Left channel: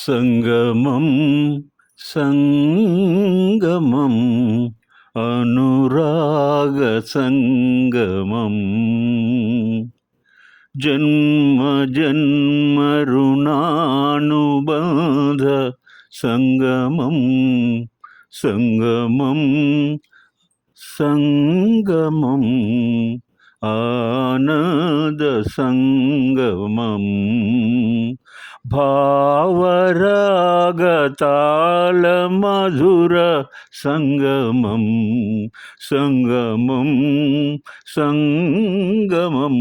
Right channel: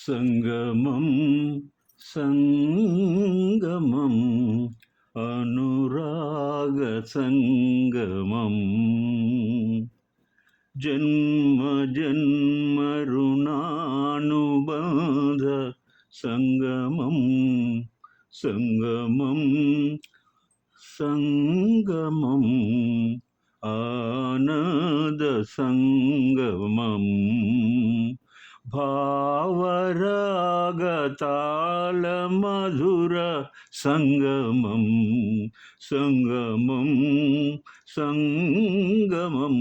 సంగమం సంగమం అనురాగ సంగమం జన్మ జన్మ రుణానుబంధ సంగమం సంగమం సంగమం ఆనంద సంగమం భావరాగతాళ మధుర సంగమం సంగమం సంగమం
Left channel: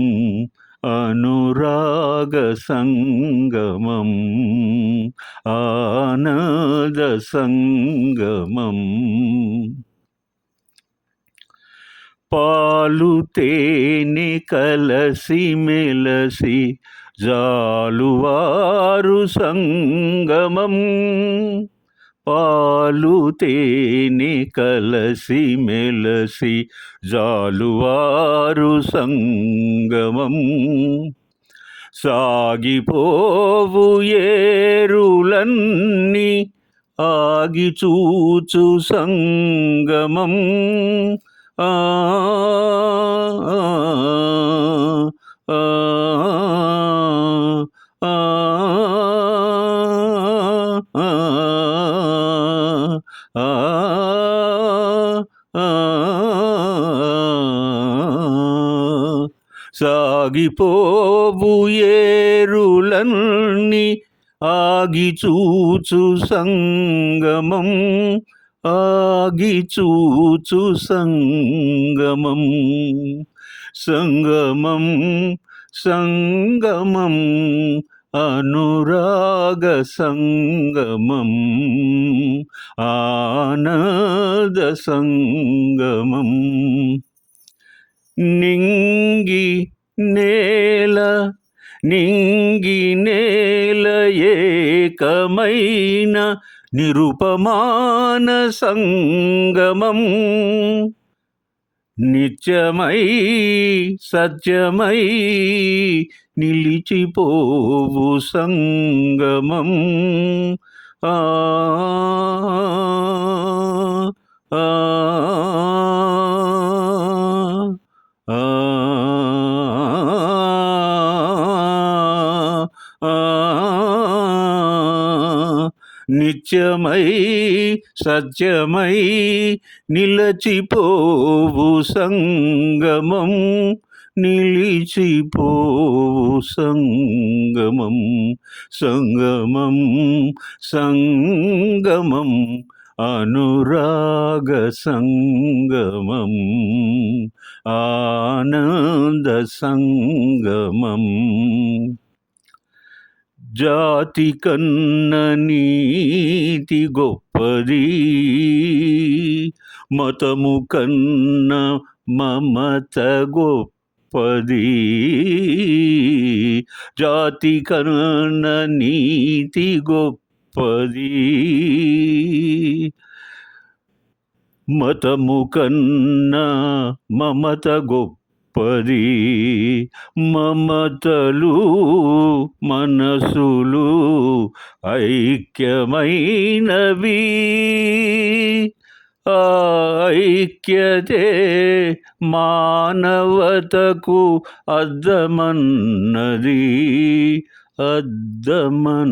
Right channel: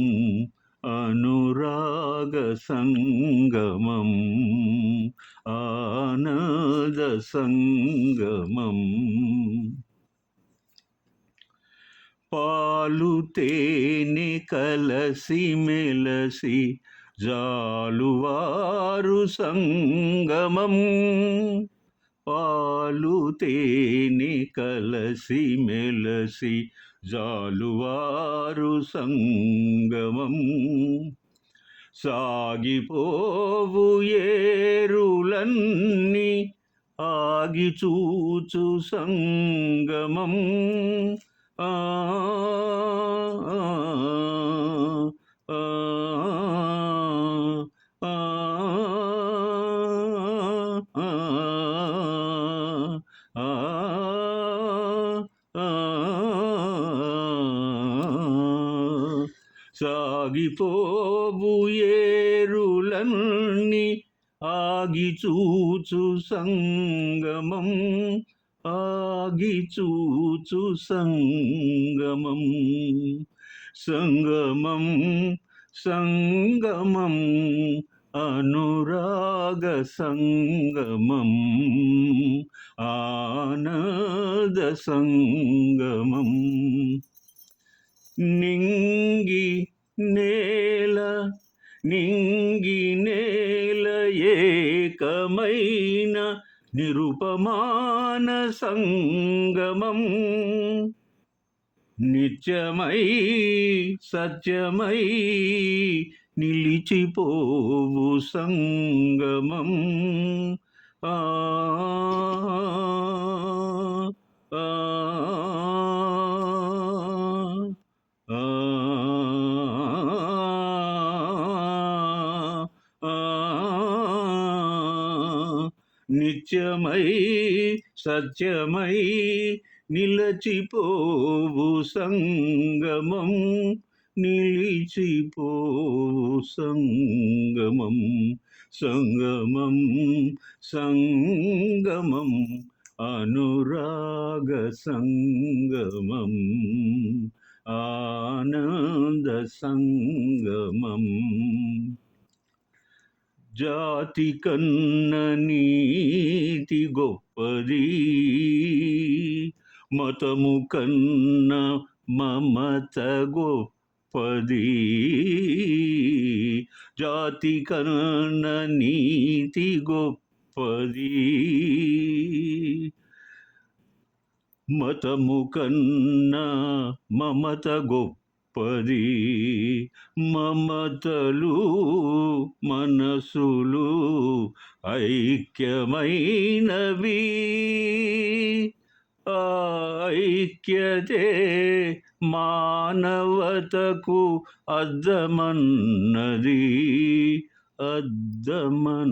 అనురాగ సంగమం ఆనంద సంగమం పాలు తేనె కలసి మెలసి జాలువారు సంగమం పాలు తేనె కలసి మెలసి జాలువారు సంగమం సాగిపోవు ఏరులన్నీ ఆగి చూచు సంగమం ఆ సాగిపోవు ఏరులన్నీ ఆగి చూచు సంగమం ఆగి చూచు సంగమం సంగమం సంగమం అనురాగ సంగమం ఆనంద సంగమం నింగి నేల ఏకమైన నిరుపమాన సంగమం నిత్యమై సత్యమై నిలిచిపోవు సంగమం ఆ నిత్యమై సత్యమై నిలచిపోవు సంగమం నిలిచిపోవు సంగమం సంగమం సంగమం అనురాగ సంగమం ఆనంద సంగమం జాతి కన్న నీతి గొప్పది మతము కన్న మమత గొప్పది జాతి కన్న నీతి గొప్పది మతము కన్న మమత గొప్పది మమతలు మనసులు ఐక్యమైనవి ఐక్యతే మానవతకు అద్దమన్నది అద్దమన్నది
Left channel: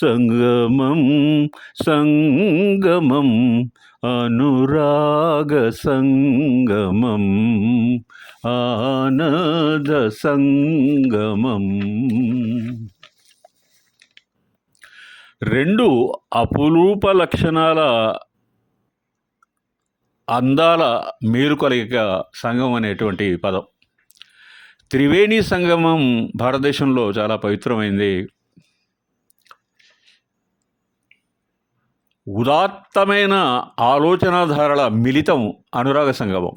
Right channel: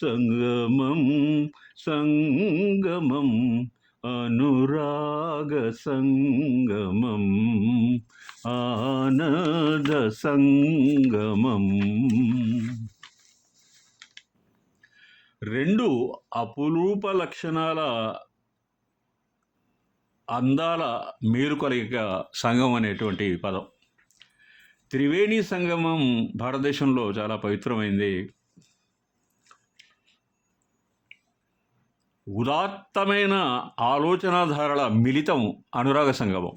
సంగమం సంగమం అనురాగ సంగమం ఆనంద సంగమం రెండు అపురూప లక్షణాల అందాల మేలుకొలిక సంగమం అనేటువంటి పదం. త్రివేణి సంగమం భారతదేశంలో చాలా పవిత్రమైంది. ఉదాత్తమైన ఆలోచనాధారల మిళితం అనురాగ సంగమం.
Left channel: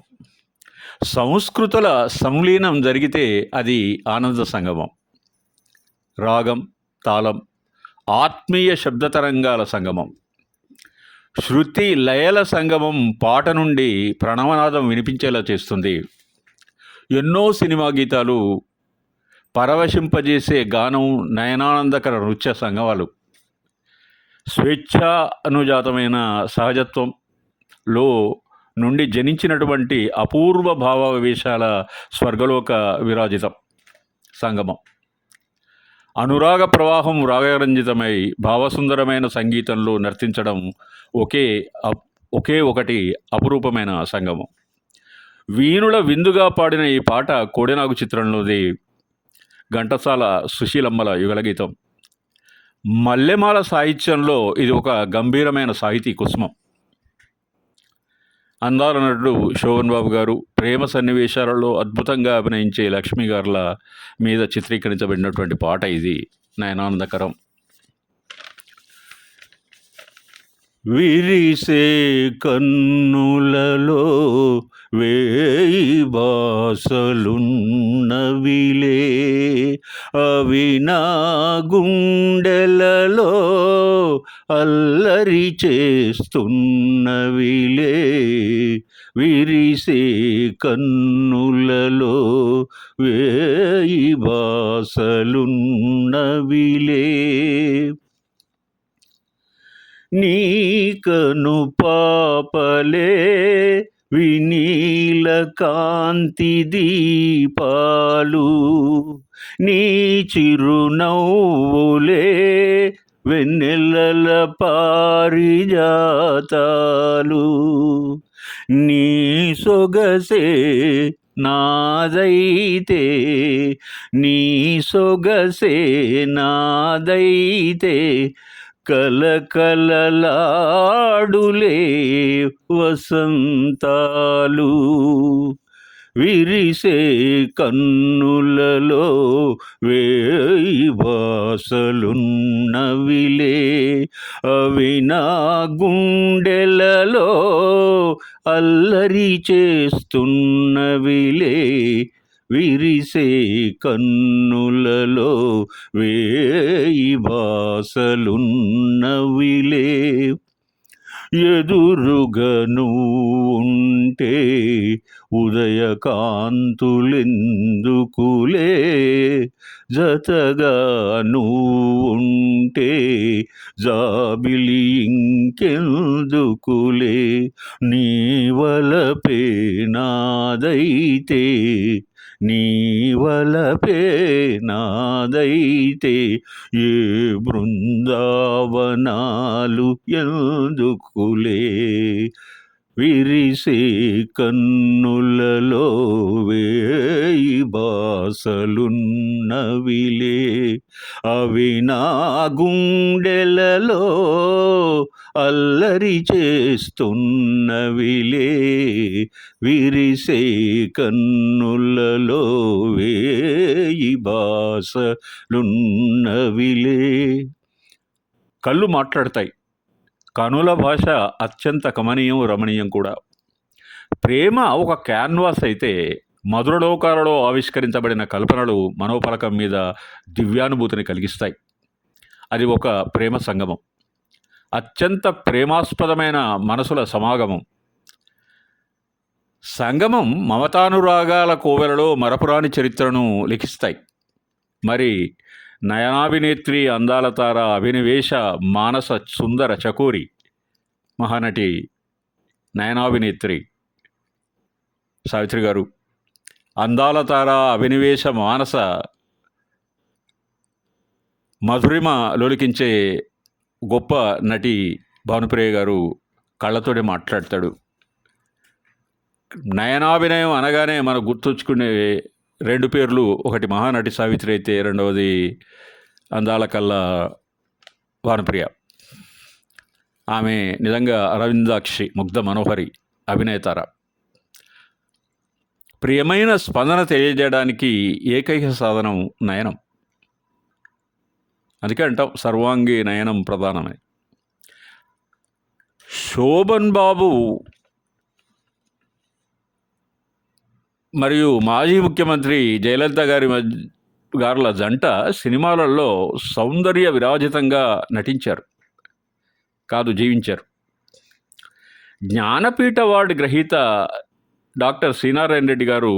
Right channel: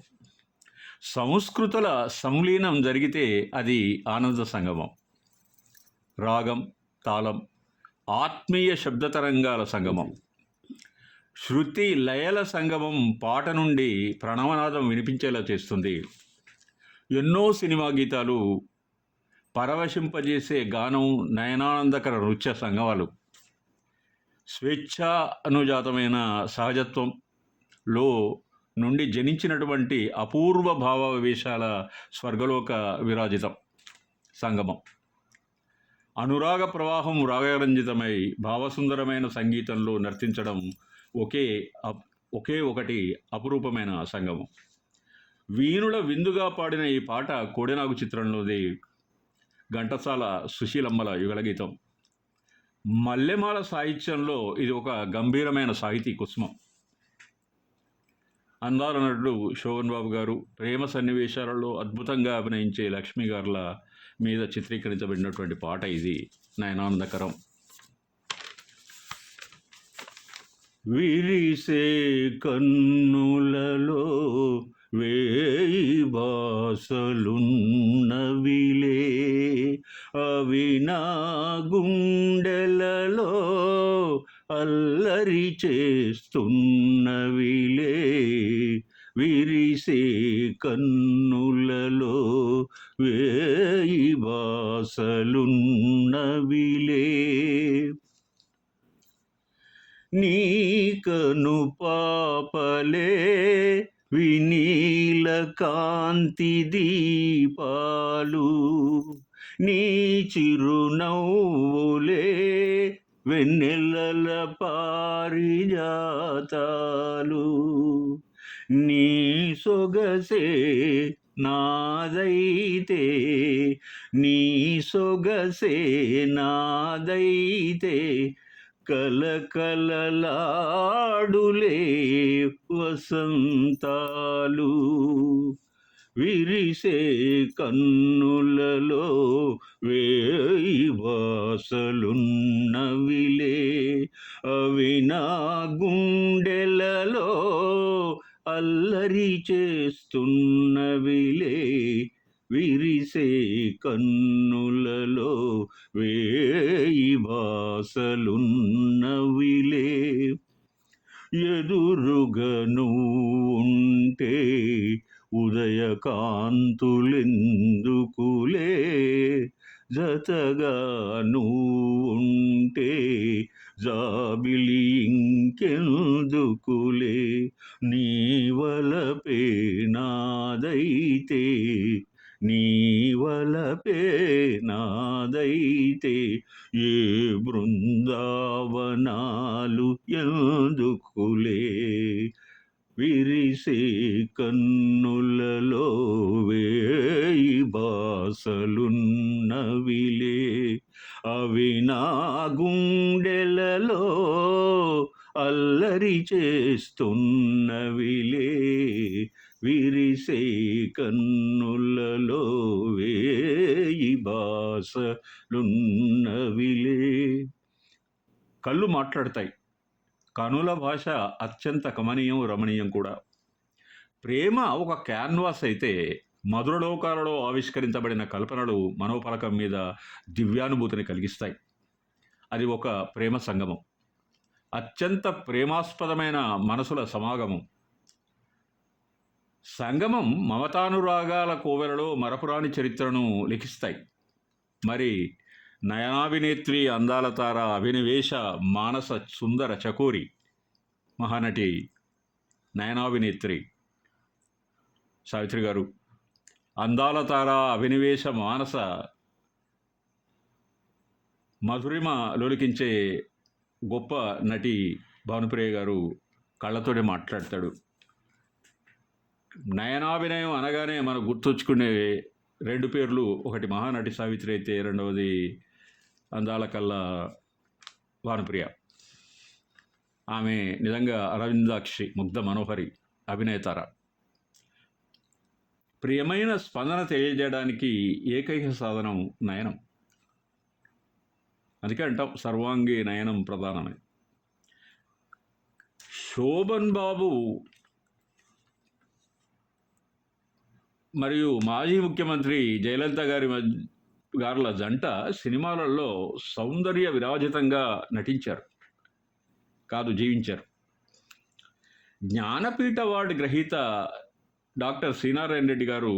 సంస్కృతుల సంలీనం జరిగితే అది ఆనంద సంగమం. రాగం, తాళం, ఆత్మీయ శబ్దతరంగాల సంగమం. శృతి లయల సంగమం పాట నుండి ప్రణవనాదం వినిపించేలా చేస్తుంది. ఎన్నో సినిమా గీతాలు పరవశింపజేసే గానం, నయనానందకర నృత్య సంగమాలు, స్వేచ్ఛా అనుజాతమైన సహజత్వంలో నుండి జనించినటువంటి అపూర్వ భావావేశాల స్వర్గలోక విరాజితం సంగమం. అనురాగ ప్రవాహం రాగరంజితమై భావసుందరమైన సంగీతంలో నర్తించడం ఒకే ఒకటి అపురూపమైన సంగమం. వీణుల విందుగా పాడిన ఈ పాట కోడెనాగు చిత్రంలోది. ఘంటసాల సుశీలమ్మల యుగలగీతం. మల్లెమాల సాహిత్యంలో ఇది ఒక గంభీరమైన సాహితీ కుసుమం. అందాల నటుడు శోభన్ బాబు గారు ప్రేమ సన్నివేశాలలో అద్భుతంగా అభినయించే లక్ష్మి గారుల మీద చిత్రీకరించబడినటువంటి పాట ఇది, నయనానందకరం. విరిసే కన్నులలో వేయి బాసలున్నవిలే, అవి నా గుండెలలో అల్లరి చేస్తున్నవిలే. విరిసే కన్నులలో వేయి బాసలున్నవిలే, నీ కను పాపలే వినీల కాంతి దీపాలు, నీ చిరునవ్వులే వెన్నెలల పారిజాతాలు. నీ సొగసే నాదైతే, నీ సొగసే నాదైతే, కలకలలాడులే వసంతాలు. విరిసే కన్నులలో వేయి బాసలున్నవిలే, అవి నా గుండెలలో అల్లరి చేస్తున్నవిలే. విరిసే కన్నులలో వేయి బాసలున్నవిలే. ఎదురుగా నువ్వుంటే ఉదయకాంతులెందుకులే, జతగా నువ్వుంటే జాబిలి ఇంకెందుకులే. నీ వలపే నాదైతే, నీ వలపే నాదైతే, ఏ బృందావనాలు ఎందుకులే. విరిసే కన్నులలో వేయి బాసలున్నవిలే, అవి నా గుండెలలో అల్లరి చేస్తున్నవిలే. విరిసే కన్నులలో వేయి బాసలున్నవిలే. కళ్ళు మాట్లాడతాయి. కనుల భాష అత్యంత కమనీయం, రమణీయం కూడా. ప్రేమ ఒక క్యాన్వాస్ అయితే మధురలోకాలలో ఆవిష్కరించబడిన కల్పనలు మనోఫలకం మీద దివ్యానుభూతిని కలిగిస్తాయి. అది ఒక ప్రేమ సంగమం, అత్యంత ప్రేమాస్పదమైన మనసుల సమాగమం. సంగమం మమతానురాగాల కోవెలలో మరపురాని చరిత్రను లిఖిస్తాయి. మరి నయనాభినేత్రి, అందాల తార, అభినివేశ మానస సుందర చకోరి మహానటి నయనాభినేత్రి సావిత్రి గారు, అందాల తార, అభినివేశ మానస మధురిమ లోలికించే గొప్ప నటి భానుప్రియ గారు కళ్ళతోనే మాట్లాడతాడు. నయనాభినయం అనగానే మనకు గుర్తొచ్చుకునే రెండు పేర్లు, ఒకటి మహానటి సావిత్రి అయితే రెండవది అందాల కల్లా భానుప్రియ. ఆమె నిజంగా అరవిందాక్షి, ముగ్ధ మనోహరి అభినేతార. ప్రియమైన స్పందన తెలియజేయడానికి ఏకైక సాధనం నయనం. అందుకే అంటాం సర్వాంగి నయనం ప్రధానమే. శోభన్ బాబు మరియు మాజీ ముఖ్యమంత్రి జయలలిత గారుల జంట సినిమాలలో సౌందర్య విరాజితంగా నటించారు, కాదు జీవించారు. జ్ఞానపీఠ అవార్డు గ్రహీత డాక్టర్ శ్రీనారాయణ రెడ్డి గారు